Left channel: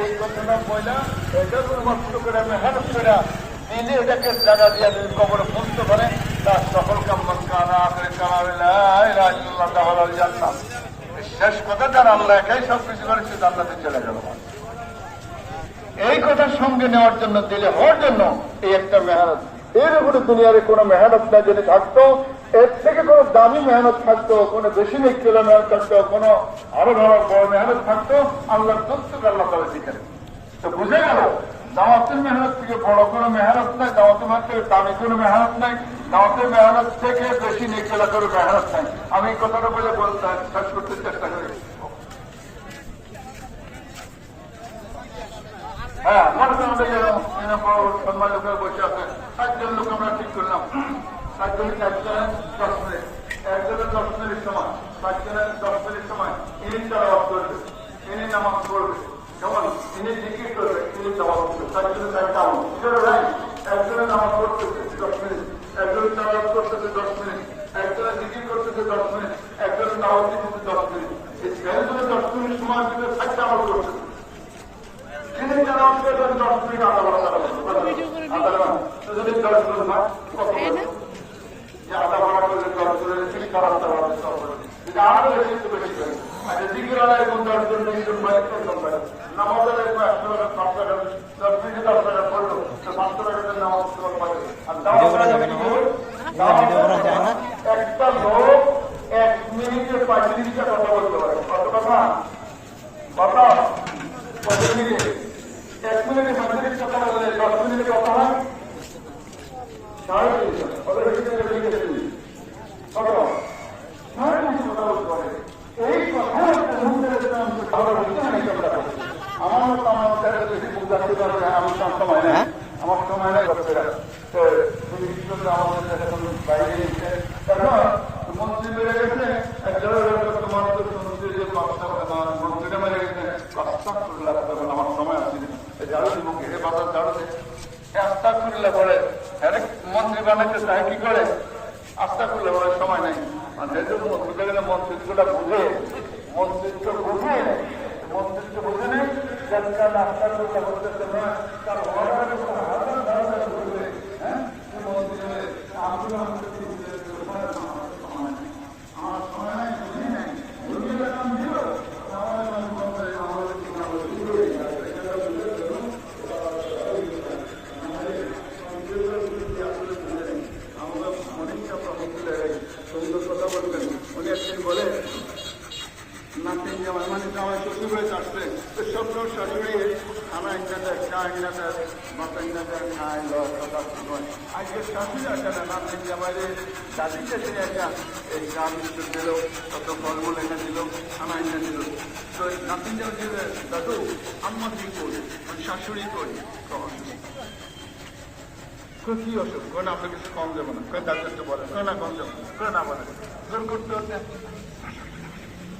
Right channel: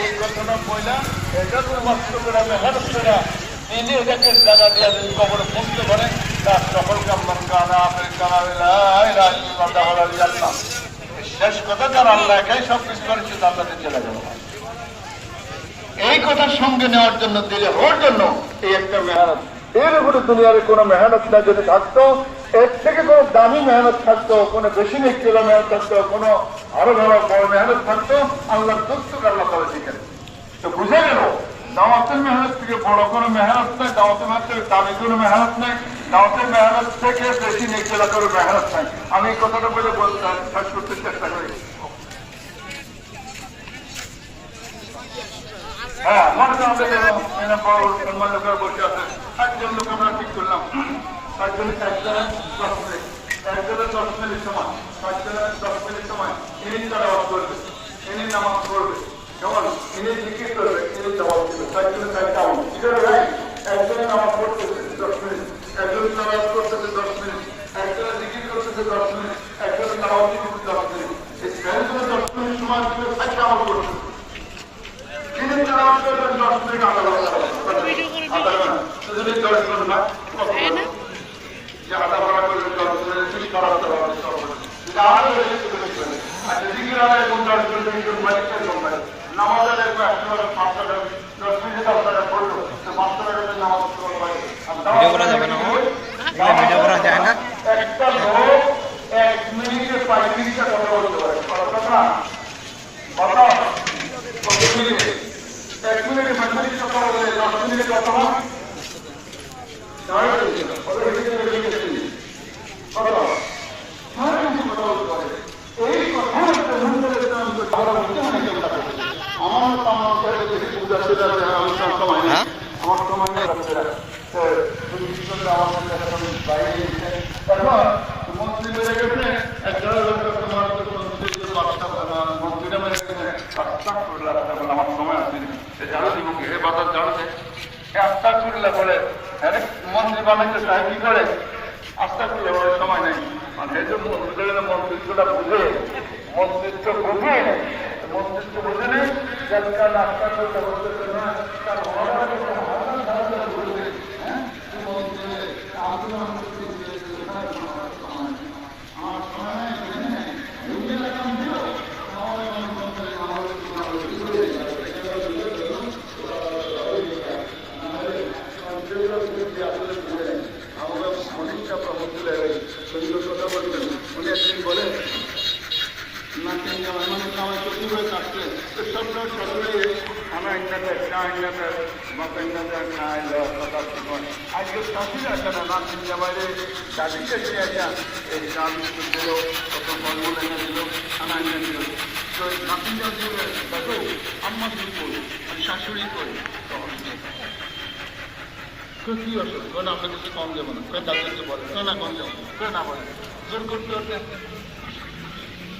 এই ঘটনা বইলা এটা মস্ত করে মেহনত করে দিনে এটাকে জায়গা দিয়ে যদি কবরে পারে, তার সকল কাম্মান কানা আখের কানা ইল্লাল্লাহ দাওয়াল জান্নাত। শেষ কথা যার আল্লাহ একাই সব কিছু করে সে জান্নাতে চলে গেল এই কথা সঙ্গে নেওয়ার জন্য দিলে হওয়ার জন্য এই একটা মেহনত। এর উপরে দুনিয়ার কোনো মেহনত না যদি থাকতো এর থেকে কোনো দামি মেহনত থাকতো কোনো বেশি কিলো মেহনত থাকতো কোনো আরও ভালো বড় মেহনত থাকতো আল্লাহ দুঃখ আল্লাহ করে দিতেন। তো বুঝে গেল দাওয়াতের মেহনত থেকে বড় কোনো মেহনত নাই দাওয়াতের মেহনত থেকে দামি কোনো মেহনত নাই। দাওয়াতের মেহনত থেকে বেশি করে মেহনত নাই। আমি কথাটা বলে বলতে শেষ করতে চেষ্টা করি। হ্যাঁ আমার বসে আছে, একজন লোক আমরা ঠিক করলাম। একজনের দশ মিনিট। একজনের সময় একজনের দশ মিনিট সময় ইনি তারা করবে। ইনি নামাজ পড়বে কেমন ইনি জিকির করবে ইনি জবাব দেবে একজনের একটা ঠিক আছে ভাই একজনের নামাজ পড়তেছে দশ মিনিট একজনের নামাজ করতেছে দশ মিনিট একজনের মিনিট একজনের নামাজ দিতেছে দশ মিনিট এই মিনিট সময় দিয়ে একটা আমল করতেছে তিনি যারা আমাদের দশ মিনিট আধা ঘণ্টা আধা ঘণ্টা যদি দশ ঘণ্টা যে আধা ঘণ্টা করে দশ মিনিট শেষ করার দেওয়া আরও বেশি একটু বেশি করে আর যদি আড়াই এখন দশ ঘণ্টা কিন্তু বাইশটা ঘণ্টা নামাজের একবার আপনারা পাঁচ টাকা দশ মিনিট দশ টাকা পড়ল তো পাঁচ টাকা নামাজ পড়তে পারবে ভিডিও করা যাবে না ভিডিও করা যায় না একটা লোক এক মিনিটে পঁয়ত্রিশটা কথা বলতে পারে কথা কথা কত মিনিট এক মিনিটে পঁয়তাল্লিশ টাকা বলে দশ মিনিটে কত হয় সাড়ে তিনশো ওদের এদিকে এদিকে এদিকে। কত? সাড়ে তিনশো কথা পারে। এই কথা একটা মন্দিরে ইসলাম তো ভালো বুঝতে হয় না কেমন টাকা। আমার তো আমার ছেলে বেশি পূজা টুজা করে আমার তো সময় নেই। আমার সময় নেই বাচ্চারা। তো তুমি কি করলে আমার মধ্যে এখন বাইরে গেছে। এখন মন্ত্রী বেড়ে গেছে, একজন লোক তোমার হচ্ছে মন্ত্রীর যে বাচ্চা, আহ, মন্ত্রীরা মেরে গেছে, রাস্তা খুললা, তখন আমার সময় আসেনি। এ জানো দিব কি? এ বাজার জানো যে? এ আস্তা খুললা বলে, মন্ত্রী বানাইতে চায় কি করে? আস্তাকুল্লা খুললা বলে সময় নেই। আর এই যে মন্ত্রীরা মন্ত্রিত্বটা বুঝে, মন্ত্রিত্ব বুঝে, মন্ত্রিত্ব বুঝে নেই, যার কারণে আস্তা খুললা তার? মন্ত্রী আমি মন্ত্রী আমার সময় নাই বুঝে নাই দুনিয়া কাম দিল আমার মন্ত্রী আমার বলে মানে কামাই চুক্তি করে চাচ্ছে তো সব সব সরকারি আমার ইন্টারনেট, না ইন্টারনেট বাপ ইন্টারনেট, না আজকে সবই আছে না জামাইরে দাদিকে সে একটা এই দাদি দিল কত ফলমূল এনে দিল, আমার দিল তো জামাই দাদু আম্মা আমরা কিছু কম দেবো না। না। কম দেবো কোন বলে জোর করতে হতে